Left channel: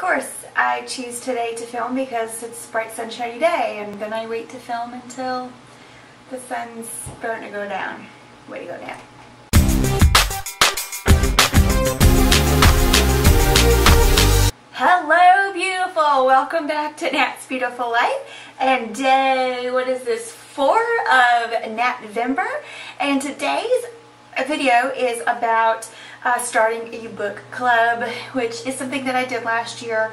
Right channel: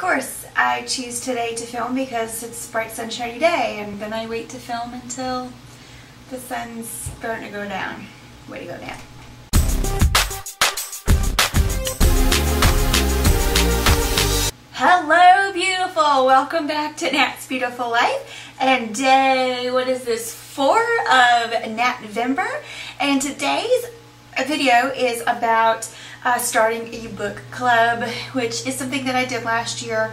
course, I choose today to film because it's a bright sunshiny day, and then I wait to film until the sun's starting to go down. Way to go down. Hello beautiful! Welcome back to Nat's Beautiful Life, and day, what is this, 4 of NatVember, and today's video is about starting a book club, which is something that I did last year,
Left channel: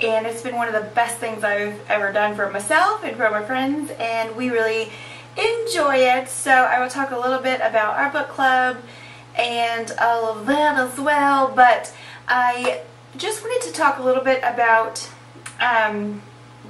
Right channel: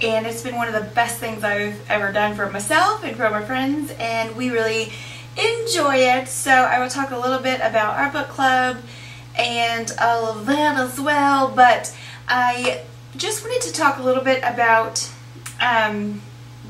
and it's been one of the best things I've ever done for myself and for my friends, and we really enjoy it. So I will talk a little bit about our book club and all of that as well, but I just wanted to talk a little bit about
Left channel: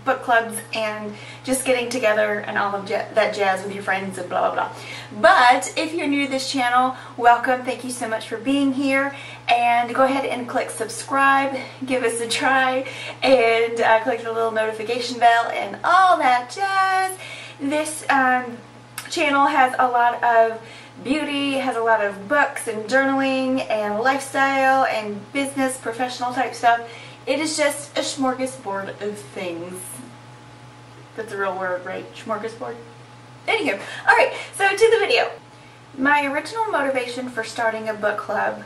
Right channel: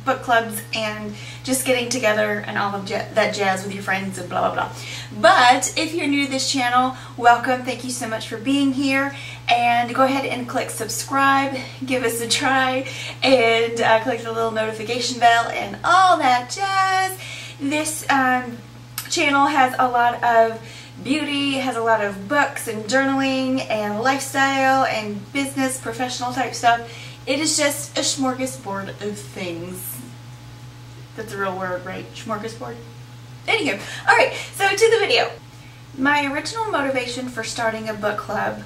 book clubs and just getting together and all of that jazz with your friends and blah blah blah. But if you're new to this channel, welcome. Thank you so much for being here, and go ahead and click subscribe, give us a try, and click the little notification bell and all that jazz. This channel has a lot of beauty, has a lot of books and journaling and lifestyle and business, professional type stuff. It is just a smorgasbord of things. That's a real word, right? Smorgasbord? Anywho, alright, so to the video. My original motivation for starting a book club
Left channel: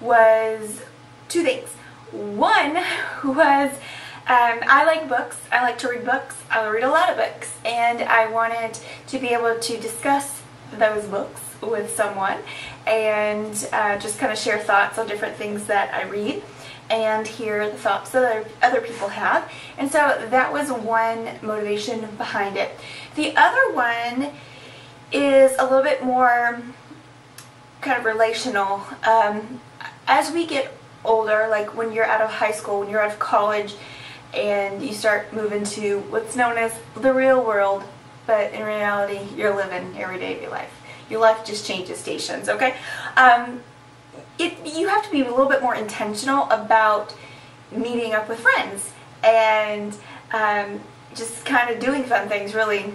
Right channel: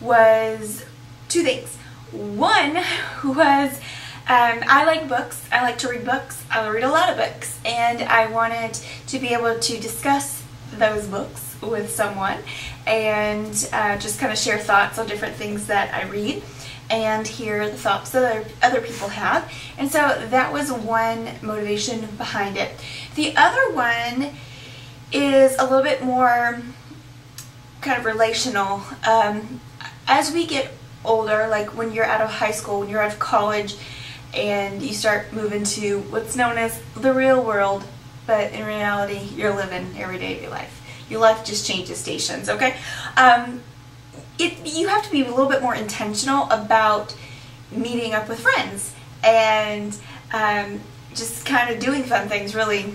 was two things. One was I like books. I like to read books. I read a lot of books, and I wanted to be able to discuss those books with someone and just kind of share thoughts on different things that I read and hear the thoughts that other people have. And so that was one motivation behind it. The other one is a little bit more kind of relational. As we get older, like when you're out of high school, when you're out of college, and you start moving to what's known as the real world, but in reality, you're living every day of your life. Your life just changes stations, okay? You have to be a little bit more intentional about meeting up with friends and just kind of doing fun things, really.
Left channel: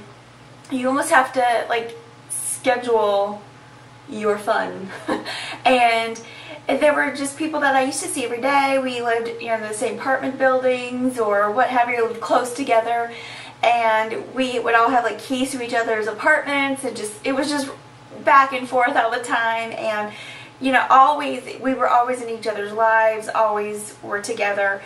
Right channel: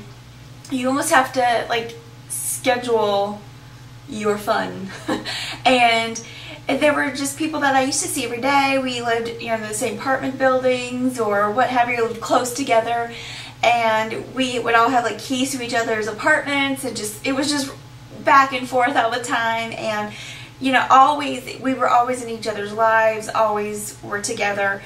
You almost have to, like, schedule your fun. And there were just people that I used to see every day. We lived, you know, in the same apartment buildings or what have you, lived close together. And we would all have, like, keys to each other's apartments, and it was just back and forth all the time. And you know, we were always in each other's lives, always were together,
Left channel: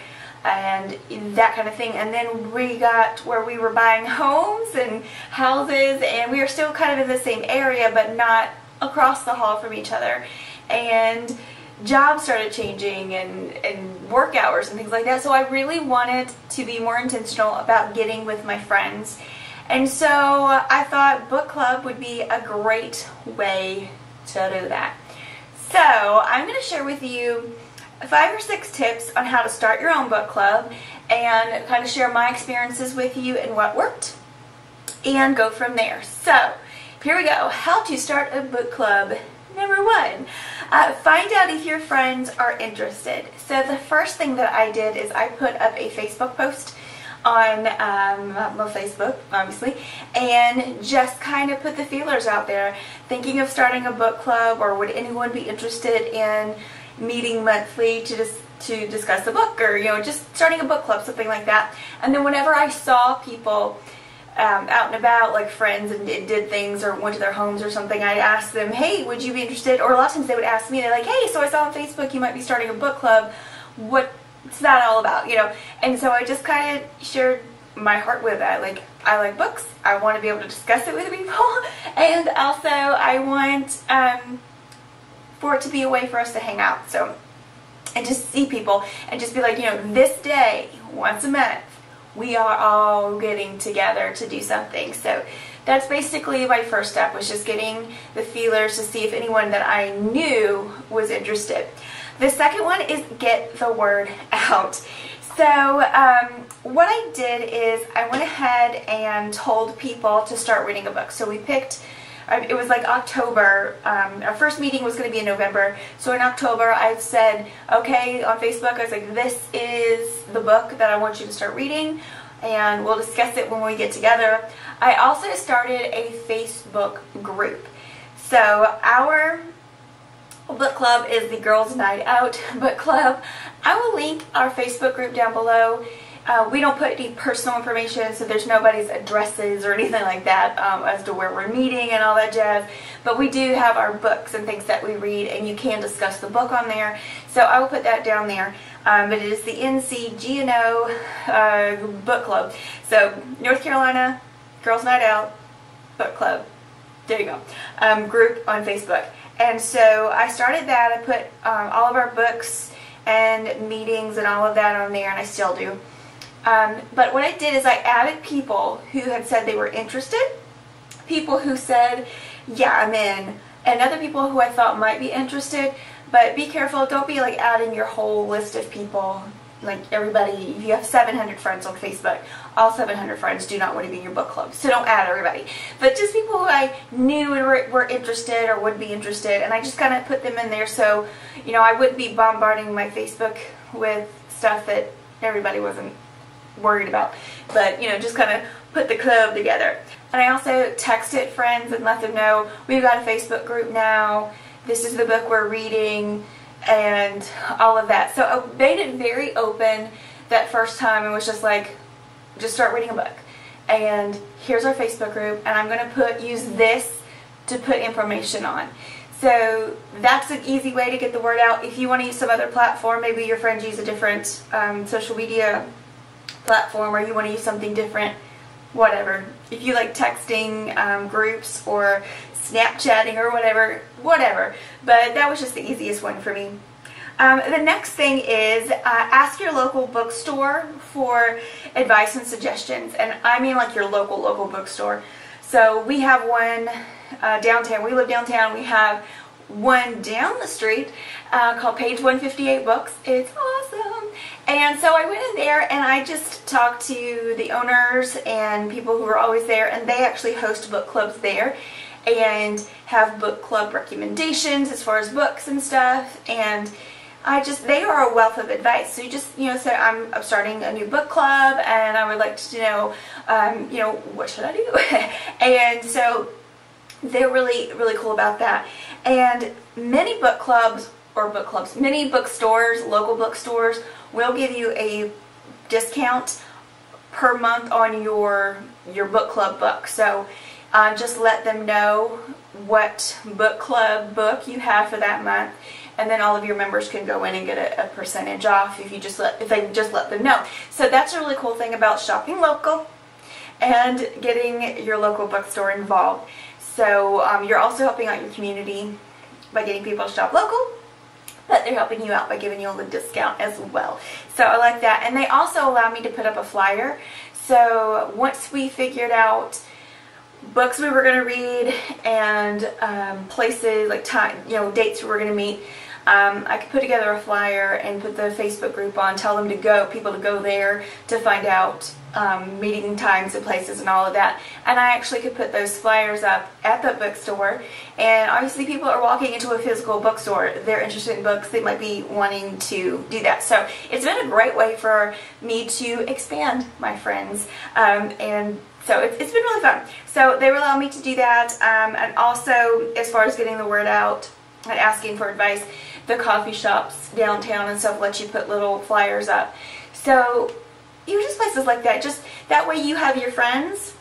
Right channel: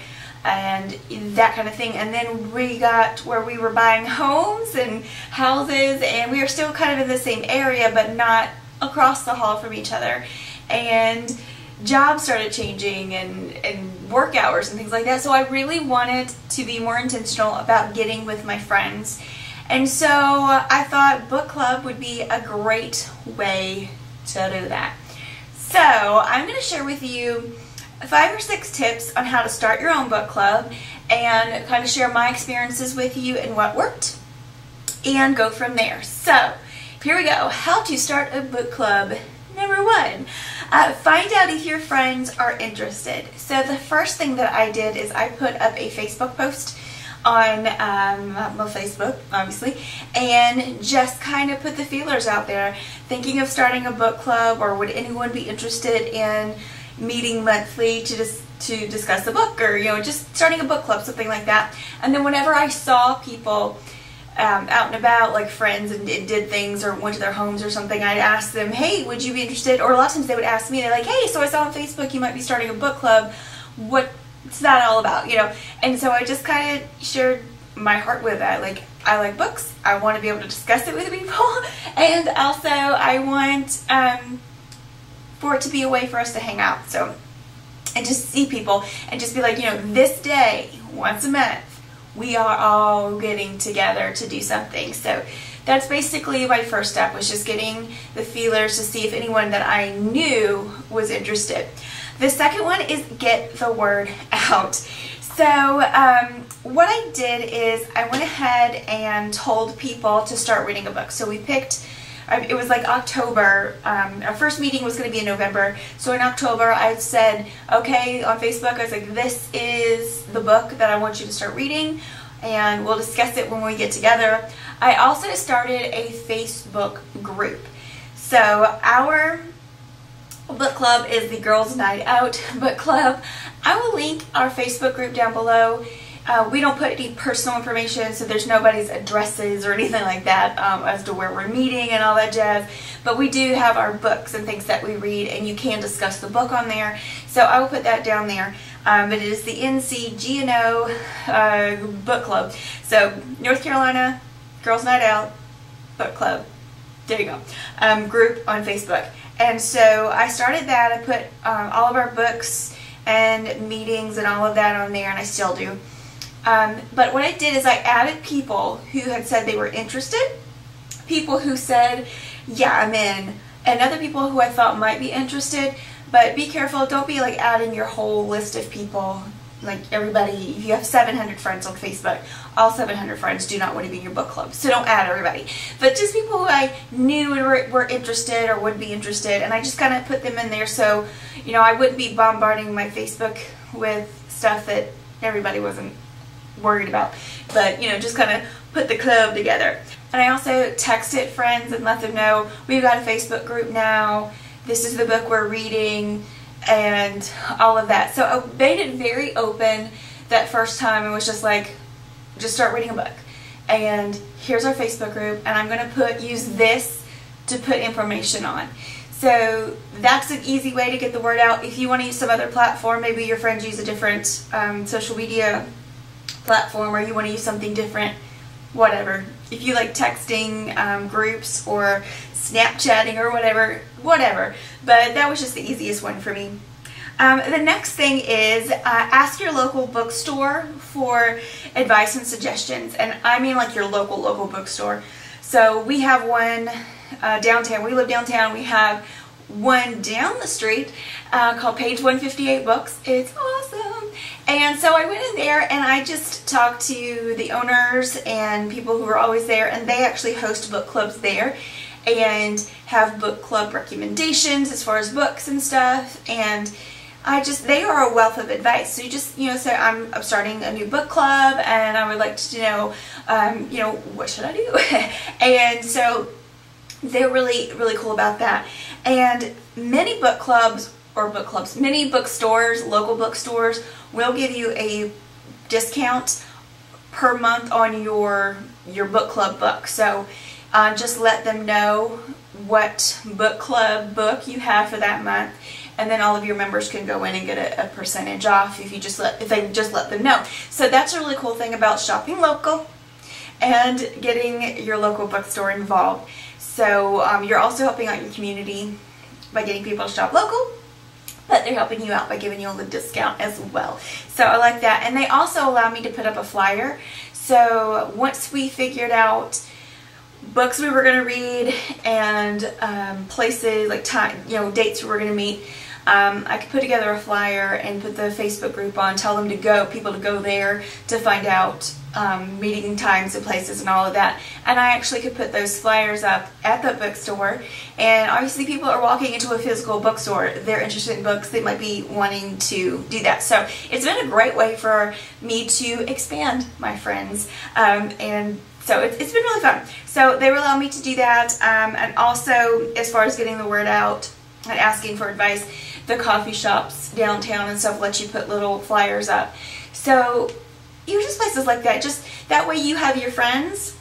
and that kind of thing. And then we got where we were buying homes and houses, and we were still kind of in the same area, but not across the hall from each other. And jobs started changing, and work hours and things like that. So I really wanted to be more intentional about getting with my friends. And so I thought book club would be a great way to do that. So I'm going to share with you 5 or 6 tips on how to start your own book club, and kind of share my experiences with you and what worked, and go from there. So here we go. How to start a book club. Number 1, find out if your friends are interested. So the first thing that I did is I put up a Facebook post on my Facebook, obviously, and just kind of put the feelers out there, thinking of starting a book club, or would anyone be interested in meeting monthly to discuss a book, or, you know, just starting a book club, something like that. And then whenever I saw people out and about, like friends, and did things or went to their homes or something, I'd ask them, hey, would you be interested? Or a lot of times they would ask me, they're like, hey, so I saw on Facebook you might be starting a book club. What's that all about, you know? And so I just kind of shared my heart with that. Like, I like books, I want to be able to discuss it with people, and also I want for it to be a way for us to hang out, so, and just see people, and just be like, you know, this day, once a month, we are all getting together to do something. So that's basically my first step, was just getting the feelers to see if anyone that I knew was interested. The second one is get the word out. So what I did is I went ahead and told people to start reading a book. So we picked, it was like October, our first meeting was going to be in November. So in October I said, okay, on Facebook, I was like, this is the book that I want you to start reading, and we'll discuss it when we get together. I also started a Facebook group. So our book club is the Girls Night Out book club. I will link our Facebook group down below. We don't put any personal information, so there's nobody's addresses or anything like that as to where we're meeting and all that jazz. But we do have our books and things that we read, and you can discuss the book on there. So I will put that down there. But it is the NCGNO Book Club. So North Carolina Girls Night Out Book Club. There you go. Group on Facebook. And so I started that. I put all of our books and meetings and all of that on there, and I still do. But what I did is I added people who had said they were interested, people who said, yeah, I'm in, and other people who I thought might be interested. But be careful, don't be like adding your whole list of people, like everybody. If you have 700 friends on Facebook, all 700 friends do not want to be in your book club, so don't add everybody. But just people who I knew were interested or would be interested, and I just kind of put them in there so, you know, I wouldn't be bombarding my Facebook with stuff that everybody wasn't worried about. But, you know, just kind of put the club together. And I also texted friends and let them know we've got a Facebook group now. This is the book we're reading and all of that. So I made it very open that first time. It was just like, just start reading a book. And here's our Facebook group, and I'm going to use this to put information on. So that's an easy way to get the word out. If you want to use some other platform, maybe your friends use a different social media platform, or you want to use something different, whatever. If you like texting groups or Snapchatting or whatever. But that was just the easiest one for me. The next thing is ask your local bookstore for advice and suggestions. And I mean like your local bookstore. So we have one downtown. We live downtown. We have one down the street called Page 158 Books. It's awesome. And so I went in there and I just talked to the owners and people who are always there, and they actually host book clubs there and have book club recommendations as far as books and stuff. And they are a wealth of advice. So you just, you know, say I'm starting a new book club and I would like to know, you know, what should I do? And so they're really cool about that. And many book clubs, many bookstores, local bookstores will give you a discount per month on your book club book. So just let them know what book club book you have for that month, and then all of your members can go in and get a percentage off if they just let them know. So that's a really cool thing about shopping local and getting your local bookstore involved. So you're also helping out your community by getting people to shop local, but they're helping you out by giving you a little discount as well. So I like that. And they also allow me to put up a flyer. So once we figured out books we were going to read and places, like time, you know, dates we were going to meet, I could put together a flyer and put the Facebook group on, tell them to go, people to go there to find out meeting times and places and all of that. And I actually could put those flyers up at the bookstore, and obviously people are walking into a physical bookstore, they're interested in books, they might be wanting to do that. So it's been a great way for me to expand my friends, and so it's been really fun. So they allow me to do that, and also as far as getting the word out and asking for advice, the coffee shops downtown and stuff let you put little flyers up. So just places like that, just that way you have your friends,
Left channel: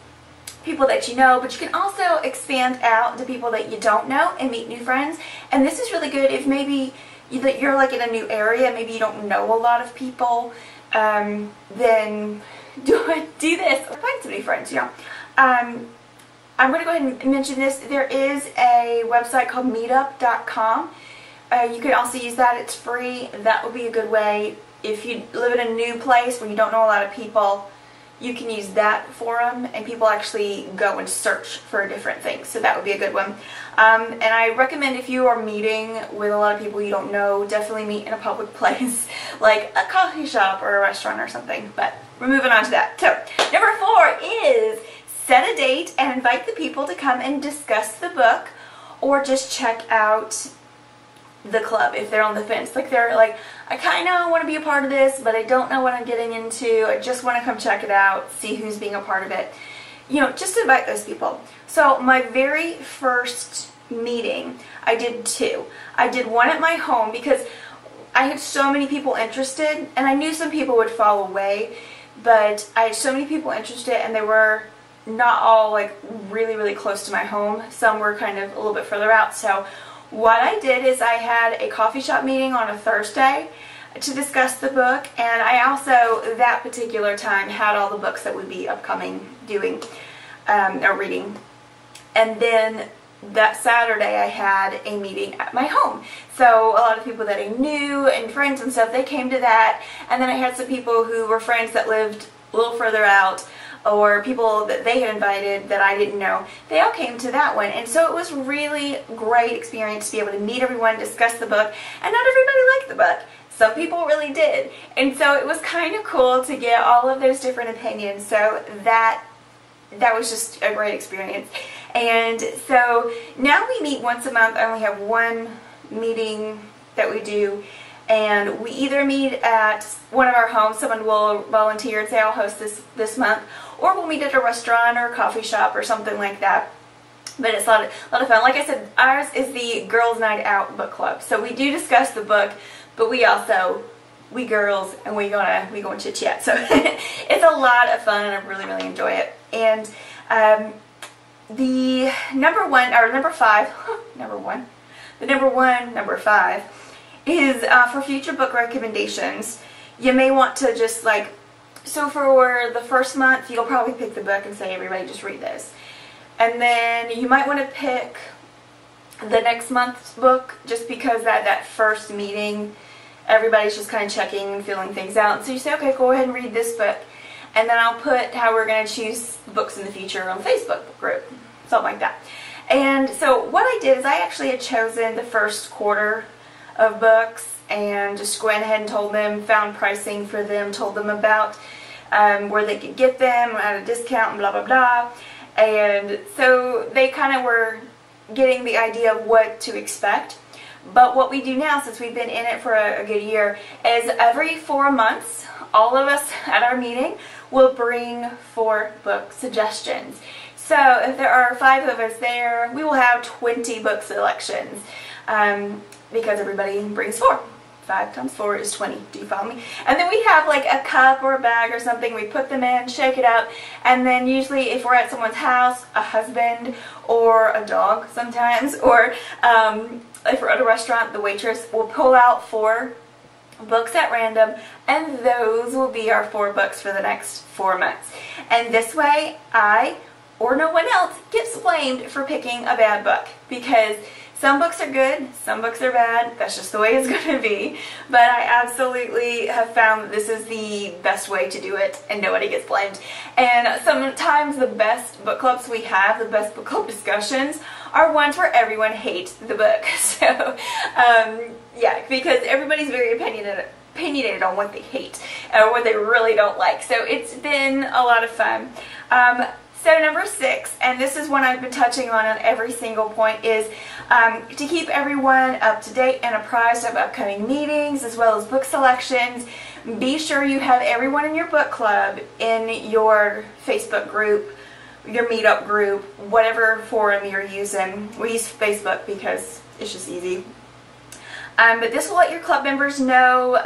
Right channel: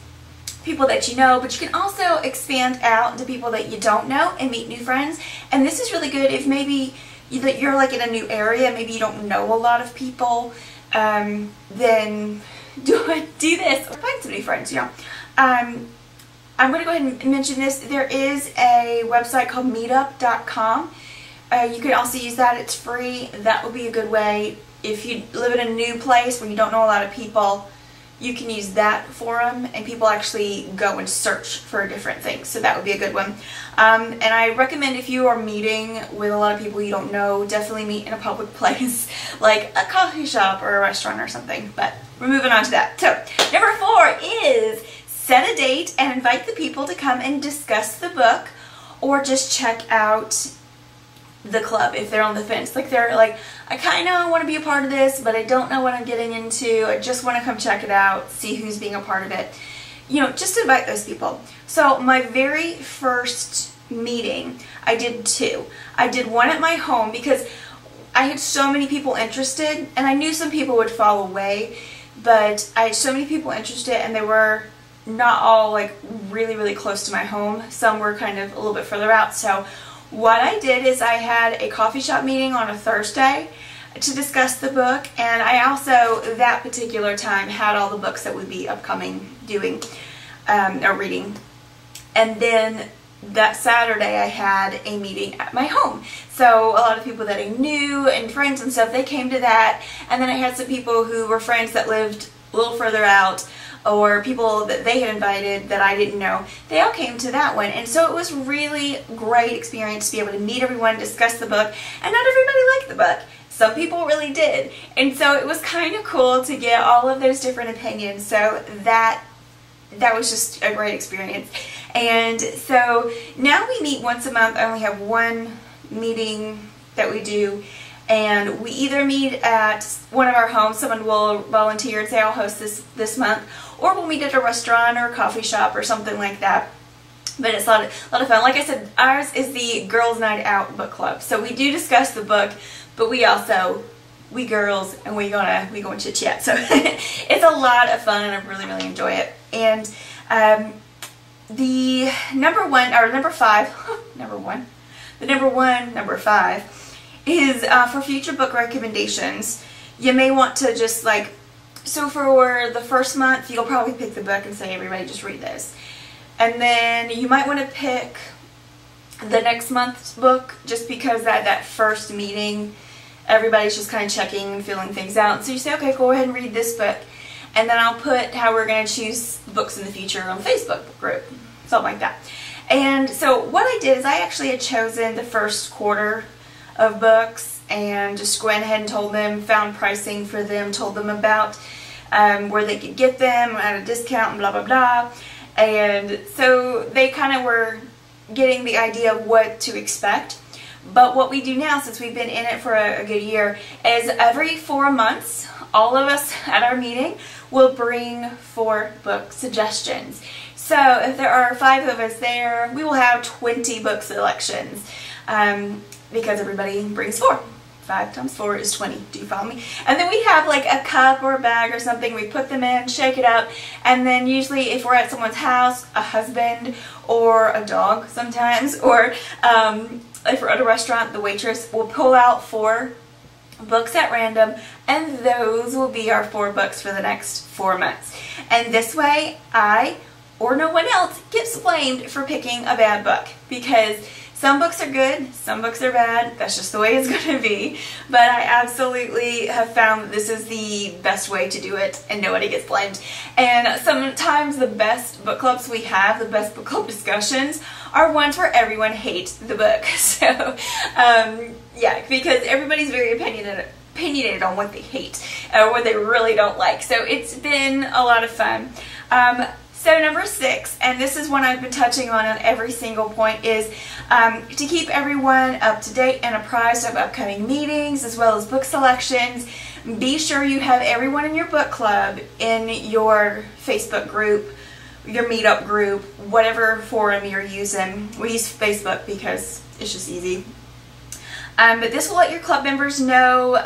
people that you know, but you can also expand out to people that you don't know and meet new friends. And this is really good if maybe you're like in a new area, maybe you don't know a lot of people, then do this. Find some new friends, you know. I'm going to go ahead and mention this. There is a website called meetup.com. You can also use that. It's free. That would be a good way. If you live in a new place where you don't know a lot of people, you can use that forum, and people actually go and search for different things. So that would be a good one. And I recommend if you are meeting with a lot of people you don't know, definitely meet in a public place like a coffee shop or a restaurant or something. But we're moving on to that. So number 4 is set a date and invite the people to come and discuss the book, or just check out the club if they're on the fence. Like they're like, I kind of want to be a part of this, but I don't know what I'm getting into. I just want to come check it out, see who's being a part of it. You know, just invite those people. So my very first meeting, I did 2. I did one at my home because I had so many people interested, and I knew some people would fall away, but I had so many people interested, and they were not all like really, really close to my home. Some were kind of a little bit further out. So what I did is I had a coffee shop meeting on a Thursday to discuss the book, and I also, that particular time, had all the books that would be upcoming doing or reading. And then that Saturday I had a meeting at my home. So a lot of people that I knew and friends and stuff, they came to that. And then I had some people who were friends that lived a little further out, or people that they had invited that I didn't know. They all came to that one. And so it was really great experience to be able to meet everyone, discuss the book. And not everybody liked the book. Some people really did. And so it was kind of cool to get all of those different opinions. So that was just a great experience. And so now we meet once a month. I only have one meeting that we do, and we either meet at one of our homes. Someone will volunteer and say, I'll host this month, or we'll meet at a restaurant or a coffee shop or something like that. But it's a lot of fun. Like I said, ours is the Girls Night Out book club. So we do discuss the book, but we girls, and we go and chit chat. So it's a lot of fun, and I really, really enjoy it. And the number 5 is for future book recommendations. You may want to just like, so for the first month, you'll probably pick the book and say, everybody just read this. And then you might want to pick the next month's book, just because that first meeting, everybody's just kind of checking and feeling things out. So you say, okay, go ahead and read this book. And then I'll put how we're going to choose books in the future on the Facebook group, something like that. And so what I did is I actually had chosen the first quarter of books and just went ahead and told them, found pricing for them, told them about where they could get them at a discount and blah, blah, blah. And so they kind of were getting the idea of what to expect. But what we do now, since we've been in it for a good year, is every 4 months, all of us at our meeting will bring 4 book suggestions. So if there are 5 of us there, we will have 20 book selections because everybody brings 4. 5 times 4 is 20. Do you follow me? And then we have like a cup or a bag or something. We put them in, shake it up, and then usually if we're at someone's house, a husband or a dog sometimes, or if we're at a restaurant, the waitress will pull out 4 books at random, and those will be our 4 books for the next 4 months. And this way, I or no one else gets blamed for picking a bad book, because some books are good, some books are bad. That's just the way it's going to be. But I absolutely have found that this is the best way to do it, and nobody gets blamed. And sometimes the best book clubs we have, the best book club discussions, are ones where everyone hates the book. So, yeah, because everybody's very opinionated on what they hate or what they really don't like. So it's been a lot of fun. So number 6, and this is one I've been touching on every single point, is to keep everyone up to date and apprised of upcoming meetings as well as book selections. Be sure you have everyone in your book club in your Facebook group, your meetup group, whatever forum you're using. We use Facebook because it's just easy. But this will let your club members know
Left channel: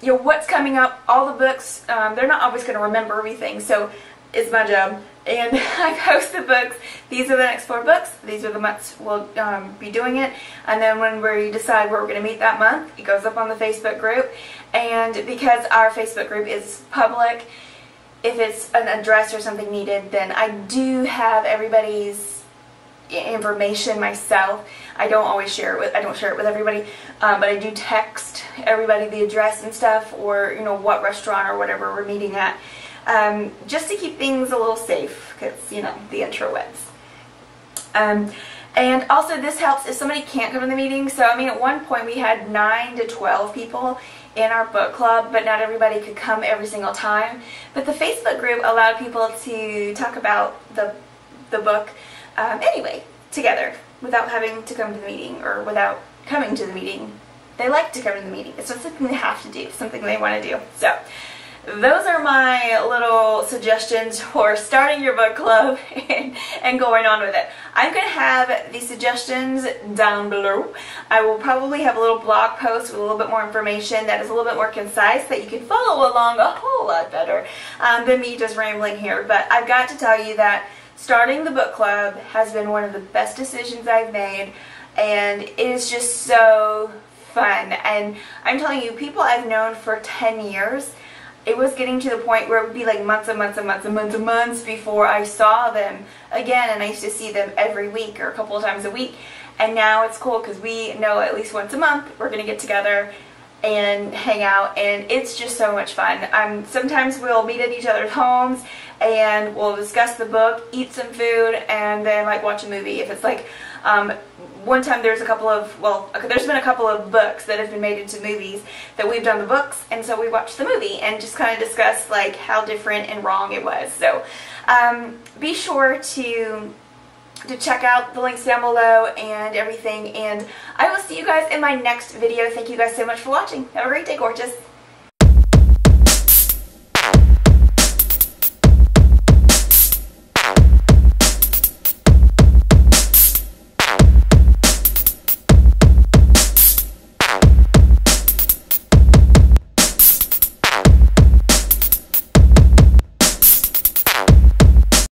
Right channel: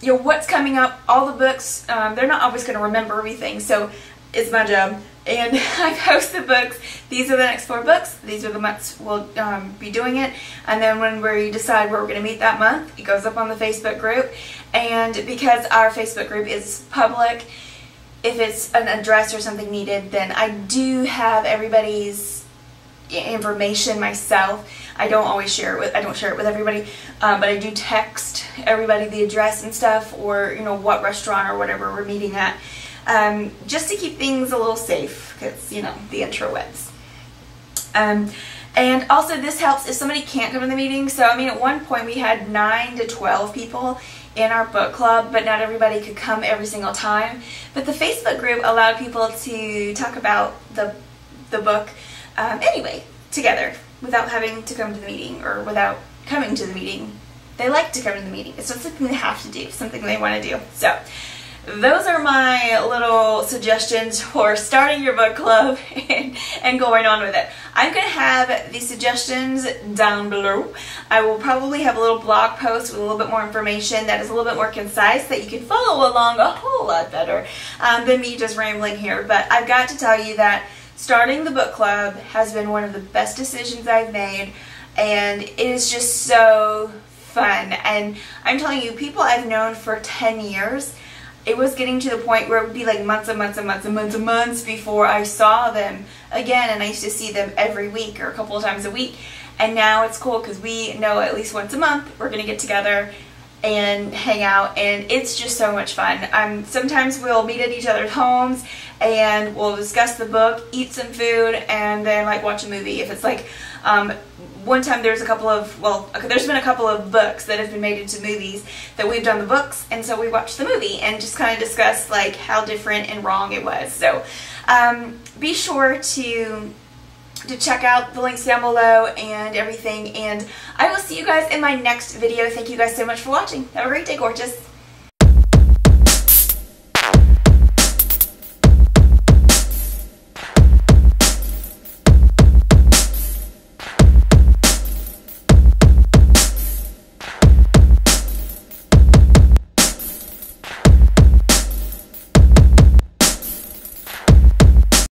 what's coming up, all the books. They're not always going to remember everything, so it's my job. And I post the books. These are the next 4 books. These are the months we'll be doing it. And then when we decide where we're going to meet that month, it goes up on the Facebook group. And because our Facebook group is public, if it's an address or something needed, then I do have everybody's information myself. I don't always share it with, I don't share it with everybody, but I do text everybody the address and stuff, or what restaurant or whatever we're meeting at, just to keep things a little safe, because the intrawebs. And also this helps if somebody can't come to the meeting. So I mean, at one point we had 9 to 12 people in our book club, but not everybody could come every single time. But the Facebook group allowed people to talk about the book anyway, together, without having to come to the meeting, or without coming to the meeting. They like to come to the meeting. It's not something they have to do, it's something they want to do. So those are my little suggestions for starting your book club and going on with it. I'm going to have these suggestions down below. I will probably have a little blog post with a little bit more information that is a little bit more concise that you can follow along a whole lot better than me just rambling here. But I've got to tell you that starting the book club has been one of the best decisions I've made, and it is just so fun. And I'm telling you, people I've known for 10 years, it was getting to the point where it would be like months and months and months and months and months before I saw them again, and I used to see them every week or a couple of times a week. And now it's cool because we know at least once a month we're going to get together and hang out, and it's just so much fun. Sometimes we'll meet at each other's homes and we'll discuss the book, eat some food, and then like watch a movie. If it's like one time there's been a couple of books that have been made into movies that we've done the books, and so we watched the movie and just kind of discussed like how different and wrong it was. So be sure to check out the links down below and everything, and I will see you guys in my next video. Thank you guys so much for watching. Have a great day, gorgeous.